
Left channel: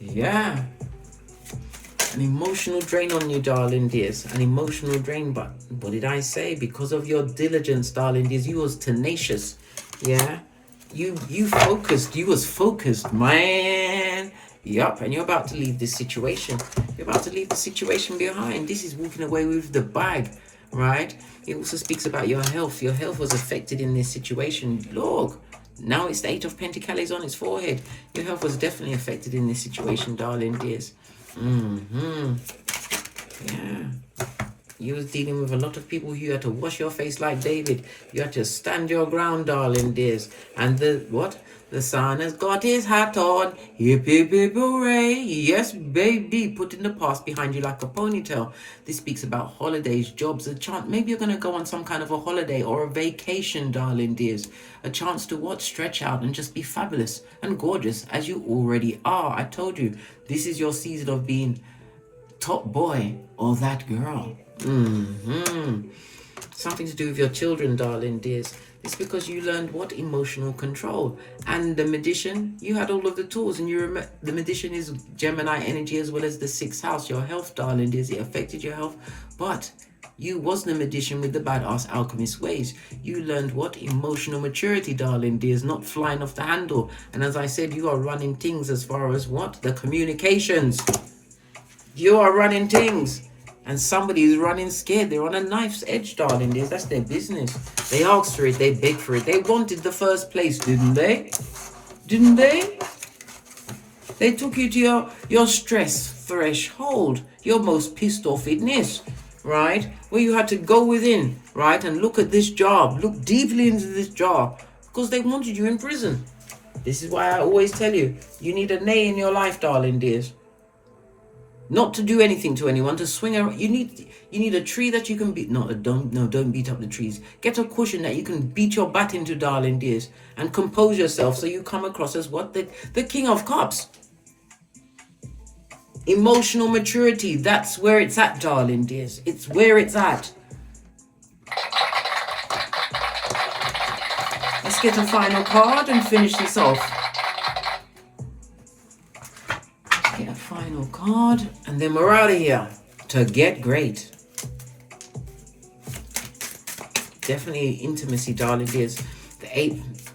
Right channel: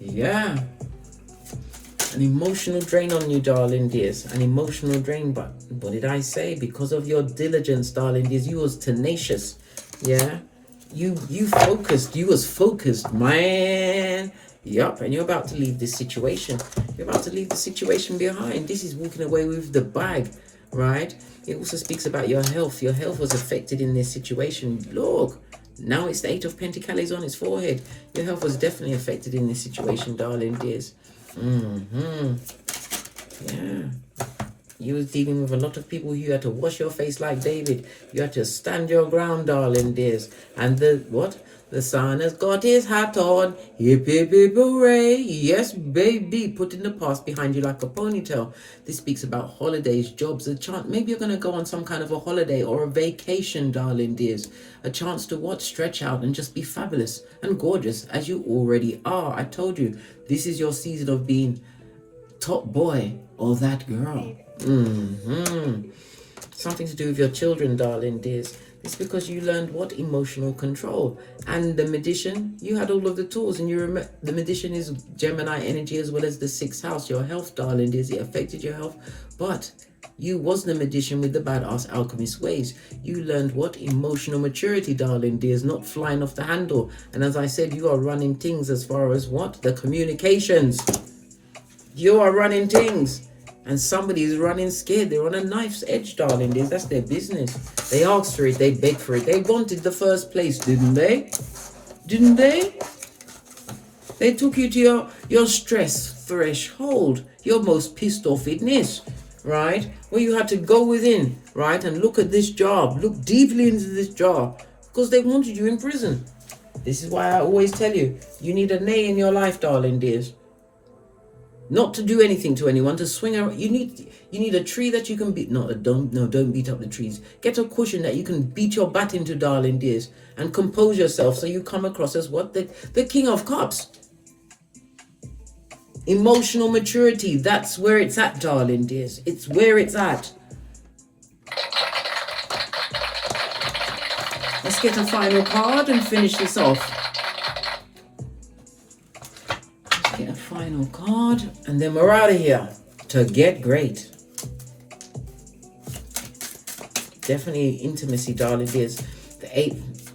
Yeah. An emotional drain on you, darling dears. An emotional drain, but what did I say? Because of your diligence, darling dears, you was tenacious. Yeah. You focused. You was focused, man. Yup, and you're about to leave this situation. You're about to leave the situation behind. This is walking away with the bag, right? It also speaks about your health. Your health was affected in this situation. Look, now it's the 8 of Pentacles on its forehead. Your health was definitely affected in this situation, darling dears. Yeah. You was dealing with a lot of people. You had to wash your face like David. You had to stand your ground, darling dears. And the sun has got his hat on. Hip, hip, hip, hooray. Yes, baby. Putting the past behind you like a ponytail. This speaks about holidays, jobs, a chance. Maybe you're going to go on some kind of a holiday or a vacation, darling dears. A chance to stretch out and just be fabulous and gorgeous as you already are. I told you, this is your season of being top boy or that girl. Something to do with your children, darling dears. It's because you learned what emotional control. And the magician, you had all of the tools, and the magician is Gemini energy as well as the 6th house, your health, darling dears. It affected your health, but you wasn't a magician with the badass alchemist ways. You learned what emotional maturity, darling dears, not flying off the handle. And as I said, you are running things as far as what? The communications. You are running things. And somebody is running scared. They're on a knife's edge, darling. That's their business. They asked for it. They begged for it. They wanted the first place, didn't they? Didn't they? They took you to your stress threshold, your most pissed offness, right? Where you had to go within, right? And look at this job. Look deeply into this job. Because they wanted you in prison. This is why I always tell you, you need a nay in your life, darling dears. Not to do anything to anyone, to swing around. You need a tree that you can beat. Don't beat up the trees. Get a cushion that you can beat your bat into, darling dears, and compose yourself so you come across as what? The King of Cups. Emotional maturity, that's where it's at, darling dears. It's where it's at. Let's get a final card and finish this off. Get a final card, and then we're out of here to get great. Definitely intimacy, darling dears.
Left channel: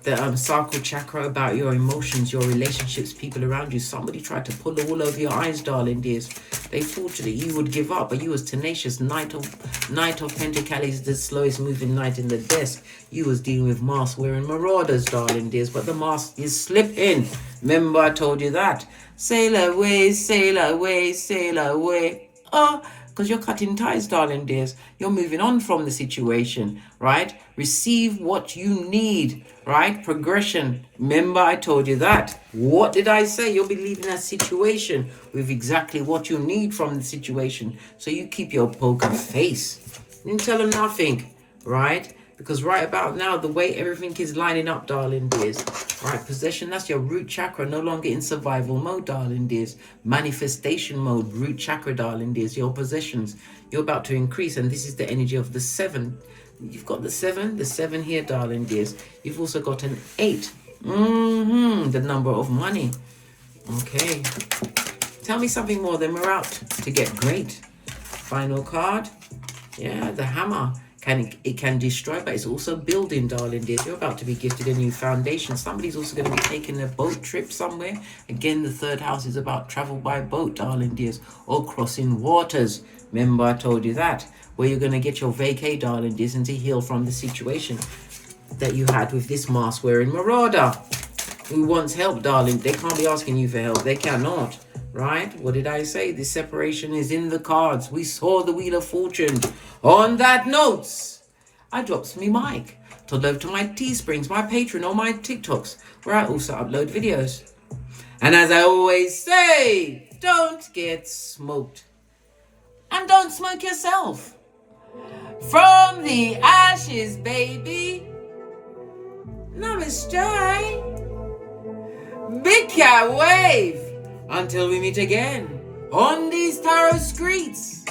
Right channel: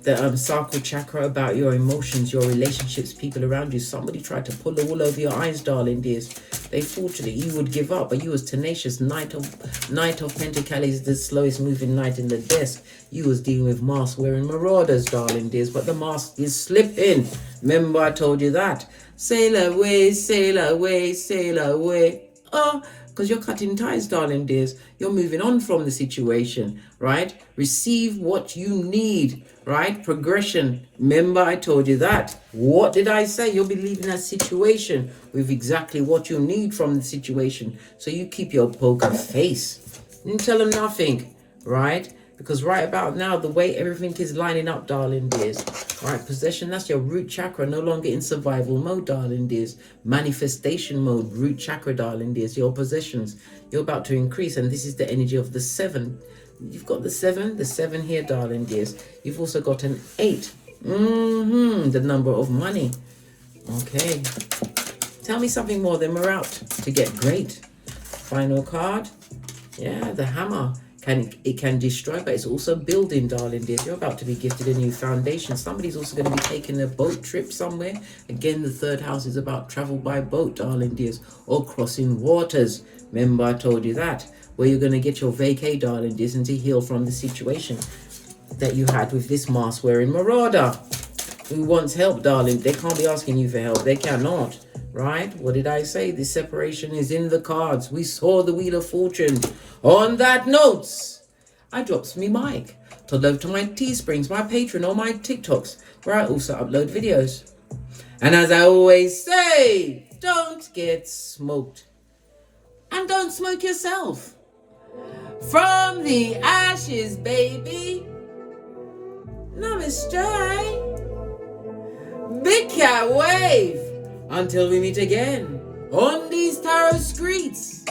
The sacral chakra, about your emotions, your relationships, people around you. Somebody tried to pull the wool over your eyes, darling dears. They thought that you would give up, but you was tenacious. Knight of Pentacles, the slowest moving knight in the desk. You was dealing with mask wearing marauders, darling dears, but the mask is slipping. Remember I told you that. Sail away, sail away, sail away. Oh, because you're cutting ties, darling dears. You're moving on from the situation, right? Receive what you need, right? Progression. Remember I told you that. What did I say? You'll be leaving that situation with exactly what you need from the situation. So you keep your poker face. You didn't tell them nothing, right? Because right about now, the way everything is lining up, darling dears, right? Possession, that's your root chakra, no longer in survival mode, darling dears. Manifestation mode, root chakra, darling dears. Your possessions, you're about to increase, and this is the energy of the 7. You've got the 7 here, darling dears. You've also got an 8. The number of money. Okay. Tell me something more, then we're out to get great. Final card. Yeah, the hammer. It can destroy, but it's also building, darling dears. You're about to be gifted a new foundation. Somebody's also going to be taking a boat trip somewhere. Again, the 3rd house is about travel by boat, darling dears, or crossing waters. Remember I told you that. Where you're going to get your vacay, darling dears, and to heal from the situation that you had with this mask wearing marauder who wants help, darling. They can't be asking you for help. They cannot. Right? What did I say? This separation is in the cards. We saw the Wheel of Fortune. On that note, I drops me mic to love to my Teesprings, my Patreon, or my TikToks, where I also upload videos. And as I always say, don't get smoked. And don't smoke yourself. From the ashes, baby. Namaste. Big cat wave. Until we meet again on these tarot streets.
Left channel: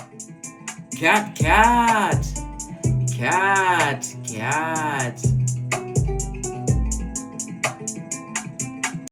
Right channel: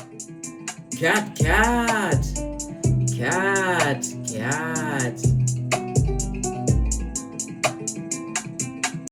Cat, cat, cat, cat.